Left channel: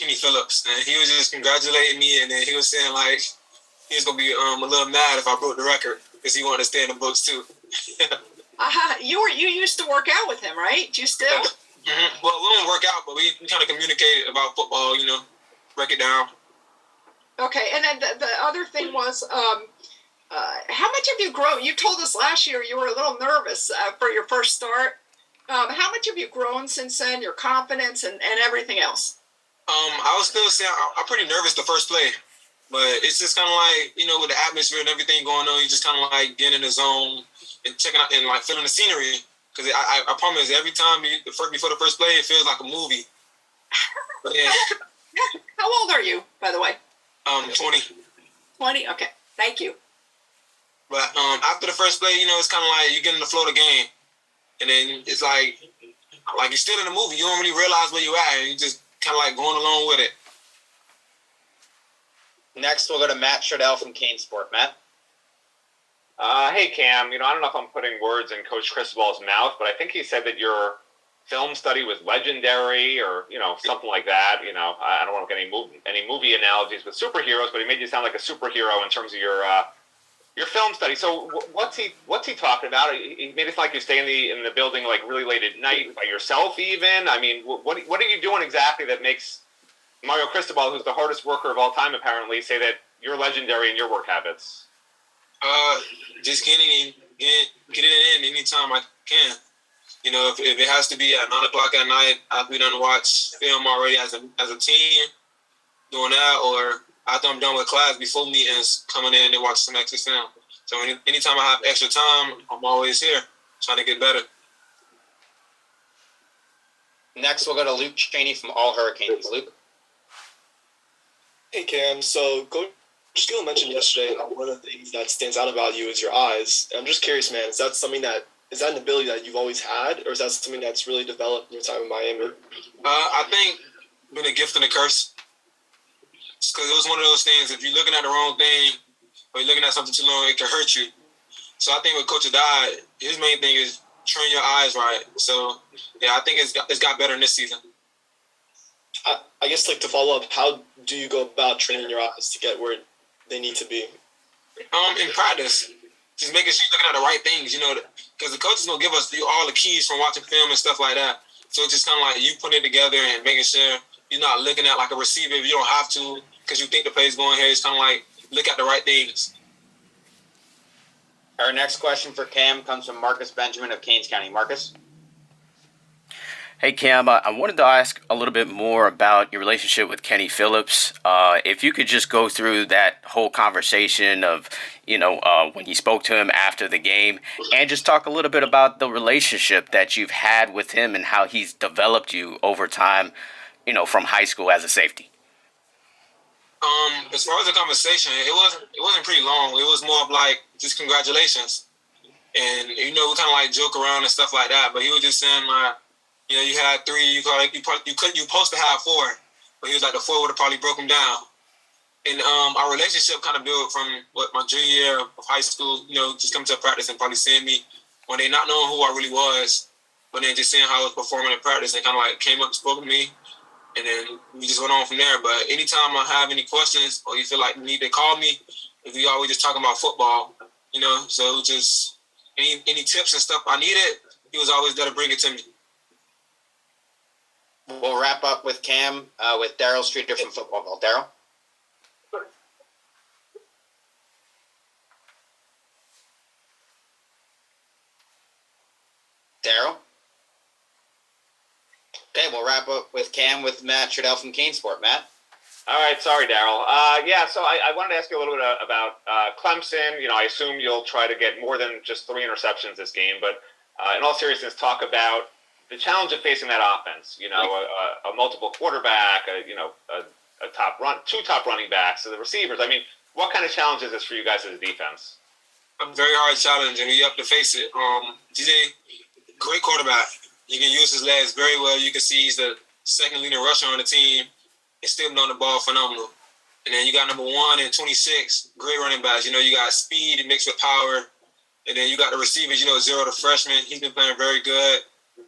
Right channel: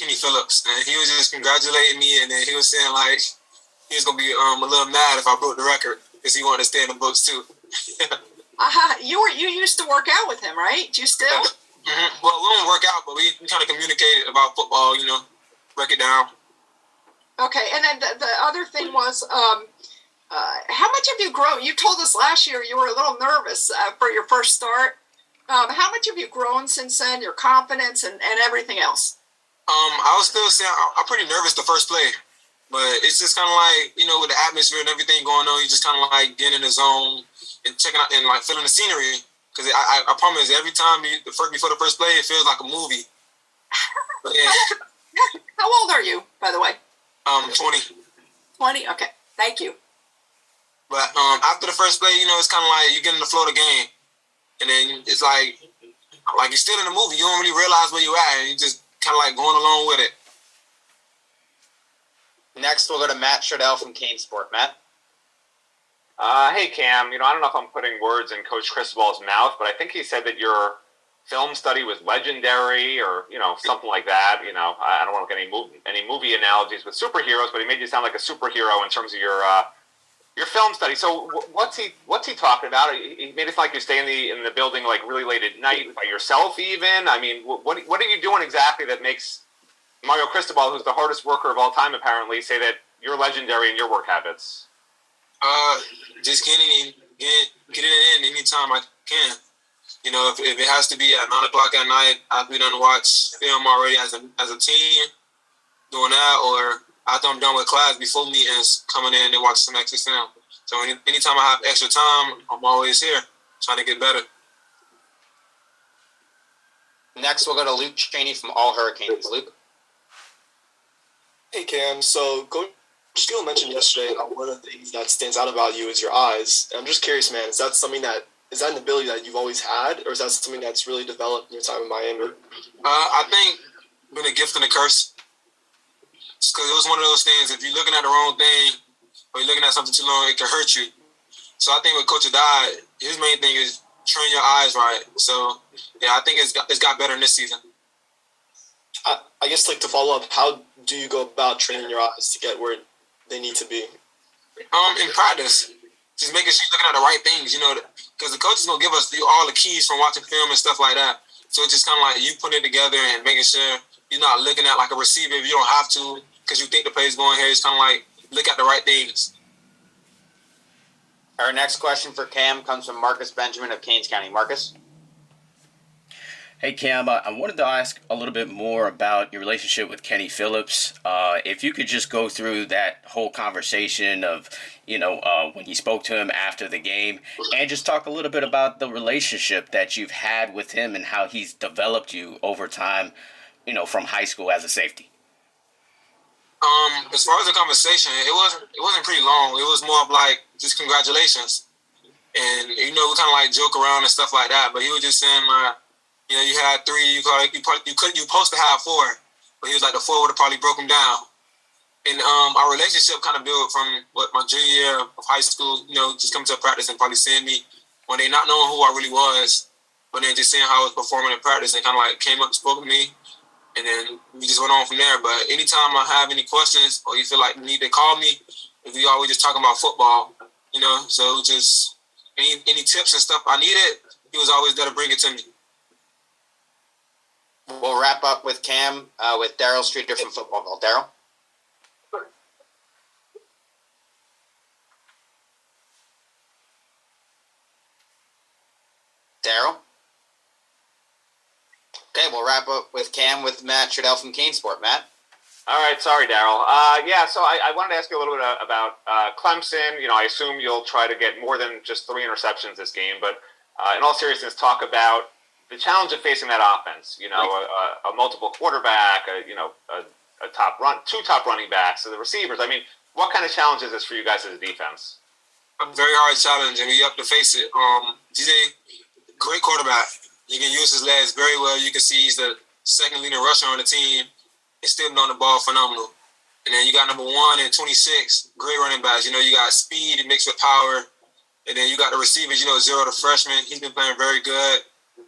Kenny Phillips, and he was just congratulating me, and then he was saying like he was gonna be a little mad if I broke the record because he wanted to stay in the books too. You used to work out with him, right? Do you still? Mm-hmm. Well, we don't work out, but we kind of communicated about football, break it down. Okay, and then the other thing was, how much have you grown? You told us last year you were a little nervous for your first start. How much have you grown since then, your confidence and everything else? I was still saying I'm pretty nervous the first play, but it's just kind of like, with the atmosphere and everything going on, you just kind of like getting in the zone and checking out and like feeling the scenery. Because I promise, every time before the first play, it feels like a movie. But, yeah. How old are you, by the way? 20. 20? Okay, thank you. But after the first play, it's kind of like you get in the flow of the game. And then it's like you're still in the movie. You don't really realize where you're at. And you just kind of like going along with it. Next, we'll go to Matt Sherdell from CaneSport. Matt? Hey, Cam. I don't know if I'm putting words in Coach Cristobal's mouth, but I think he said that your film study was legendary or, something like that. I don't want to get any movie analogies with superheroes, but he made you sound like a superhero in terms of your film study. So what's he talking about? He made it sound like you stay in the building like really late at night by yourself even. I mean, what are you doing exactly that makes Mario Cristobal, who's the hardest worker of all time apparently, say that you're legendary in your work habits? Just getting it in anytime I can. If it has to be at 9 o'clock at night, I've been done to watch film already as a team, doing that, or after I'm done with class before meetings, coming in and watch some extra film. So anytime I have extra time, I'm always here trying to get better. Next, we'll go to Luke Cheney from All Hurricanes. Luke? Hey, Cam. So Coach Steele mentioned yesterday one of the things that stands out about you is your eyes. And I'm just curious, man, is that an ability that you've always had, or is that something that's really developed in your time in Miami? I think been a gift and a curse. Because it was one of those things, if you're looking at the wrong thing or you're looking at something too long, it can hurt you. So I think with Coach Adai, his main thing is train your eyes right. So, yeah, I think it's got better in this season. I guess, to follow up, how do you go about training your eyes to get where they need to be? In practice, just making sure you're looking at the right things, because the coach is going to give us all the keys from watching film and stuff like that. So it's just kind of like you putting it together and making sure you're not looking at like a receiver if you don't have to because you think the play's going here. It's kind of like look at the right things. Our next question for Cam comes from Marcus Benjamin of Keynes County. Marcus? Hey, Cam, I wanted to ask a little bit more about your relationship with Kenny Phillips. If you could just go through that whole conversation of, when you spoke to him after the game, and just talk a little bit about the relationship that you've had with him and how he's developed you over time, from high school as a safety. As far as the conversation, it wasn't pretty long. It was more of like just congratulations, and we kind of like joke around and stuff like that. But he was just saying like, you had 3. You supposed to have 4, but he was like the 4 would have probably broke him down. And our relationship kind of built from my junior year of high school. Just coming to practice and probably seeing me one day, not knowing who I really was, but then just seeing how I was performing in practice, and kind of like came up and spoke to me. And then we just went on from there. But anytime I have any questions or you feel like you need to call me, if we always just talking about football, so just any tips and stuff I needed, he was always there to bring it to me. We'll wrap up with Cam with Daryl Streeter from Footballville. Daryl? Daryl? Okay, we'll wrap up with Cam with Matt Sherdell from CaneSport. Matt? All right, sorry, Daryl. So I wanted to ask you a little bit about Clemson. I assume you'll try to get more than just 3 interceptions this game, but in all seriousness, talk about the challenge of facing that offense. A multiple quarterback, a two top running backs, so the receivers. I mean, what kind of challenge is this for you guys as a defense? A very hard challenge, and you have to face it. DJ, great quarterback. He can use his legs very well. You can see he's the second leading rusher on the team and still on the ball phenomenal. And then you got number 1 and 26, great running backs. You got speed mixed with power. And then you got the receivers, Zero, the freshman. He's been playing very good.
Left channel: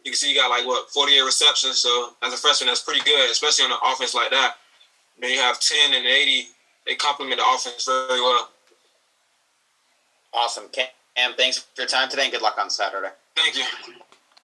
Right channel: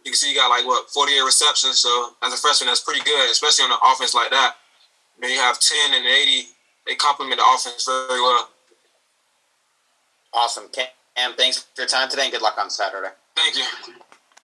You can see he got 48 receptions. So as a freshman, that's pretty good, especially on an offense like that. Then you have 10 and 80. They complement the offense very well. Awesome. Cam, thanks for your time today and good luck on Saturday. Thank you.